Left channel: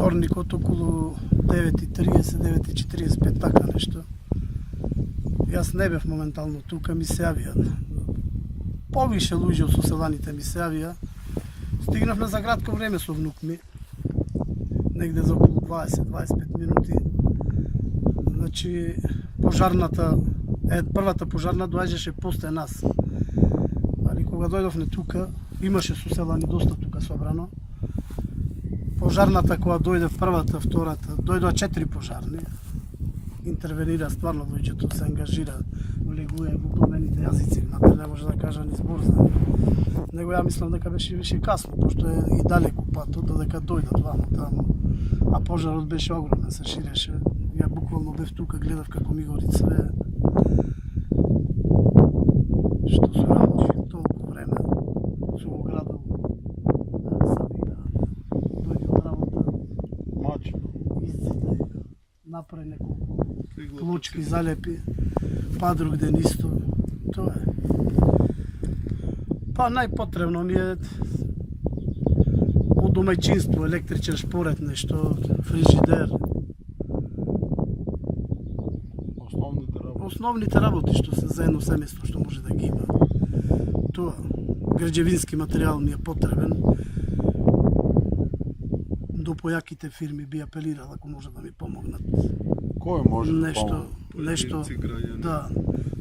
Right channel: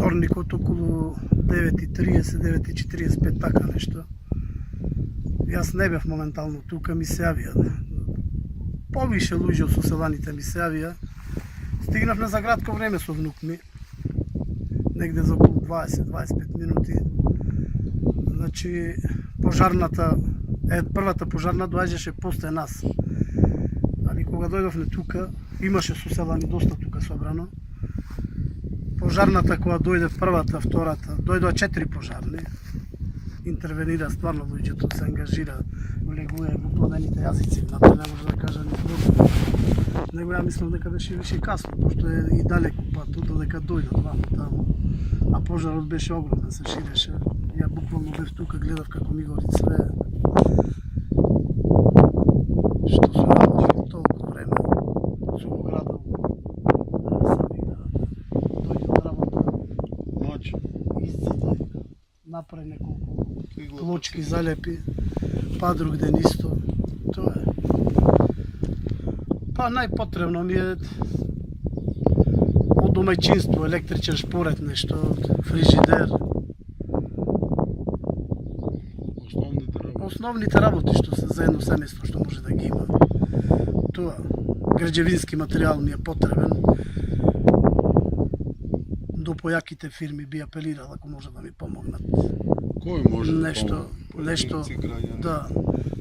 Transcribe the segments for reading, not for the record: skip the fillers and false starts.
вторникот околу 9:30, 9:45, така нешто. Јас не бев моментално тука, ми се јавија. Повише луѓе од соселаните ми се јавија. Стигнавме за кратко време со внук ми. Негде за околу 20-25 минути. Значи, првата пожарна доаѓаше после нас. Али кога дојдовме тука, имаше соселани доста тука собрано. Пожарната која дојде првата, втората, дојдоа 4 пожарни. Интервенира стварно луѓето, се ангажира, влегува во пламените јазици, внатре не може да кажа ни збор. Него ја мислам дека беше више касно, пошто е и далеку патот, додека дојдат вамо таму. А пожарот беше огромен, се ширеше. Ја буквално бев тука, гледав како ми гори све. Што се работи толку време, со го градол, сами да дојде од работа, изците, направи неколку плочки, залепи, па друг ден исто, тоа е. Па најпотребно ми е од домаќинство, електричен шпоред, нешто, фрижидер. Основните работи што се за едно семејство што може да ги има. Тоа, граđevinски материјал ми е потребен. До појаките фирми би апелирал ако може да ми помогнат. Кој може да помогне? Да,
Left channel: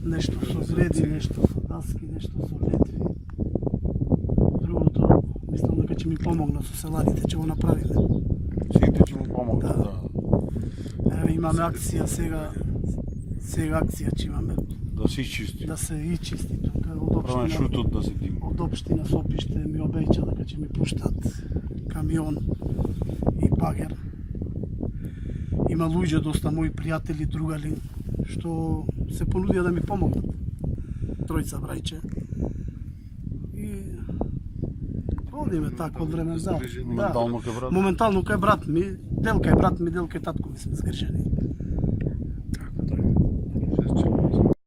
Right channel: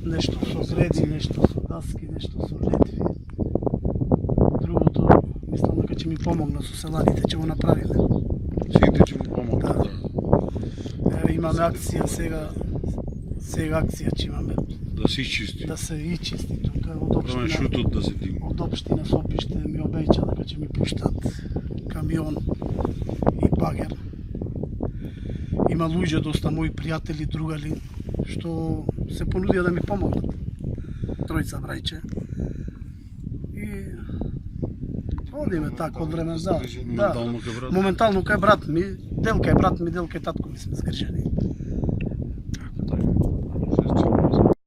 нешто со греди, нешто со даски, нешто со летви. Другото, мислам дека ќе ми помогна соселаните, ќе го направиме. Сите ќе му помогнат, да. Имаме акција сега акција ќе имаме. Да се ичисти. Да се ичисти тука од општина. Шутот да се дима. Од општина Сопиште ми обеќа дека ќе ми пуштат камион и багер. Има луѓе, доста мои пријатели, другари, што се понудија да ми помогнат. Тројца брајче. И одиме така од време за. Моментално кај брат? Моментално кај брат ми, дел кај брат ми, дел кај татко ми сме згрижени.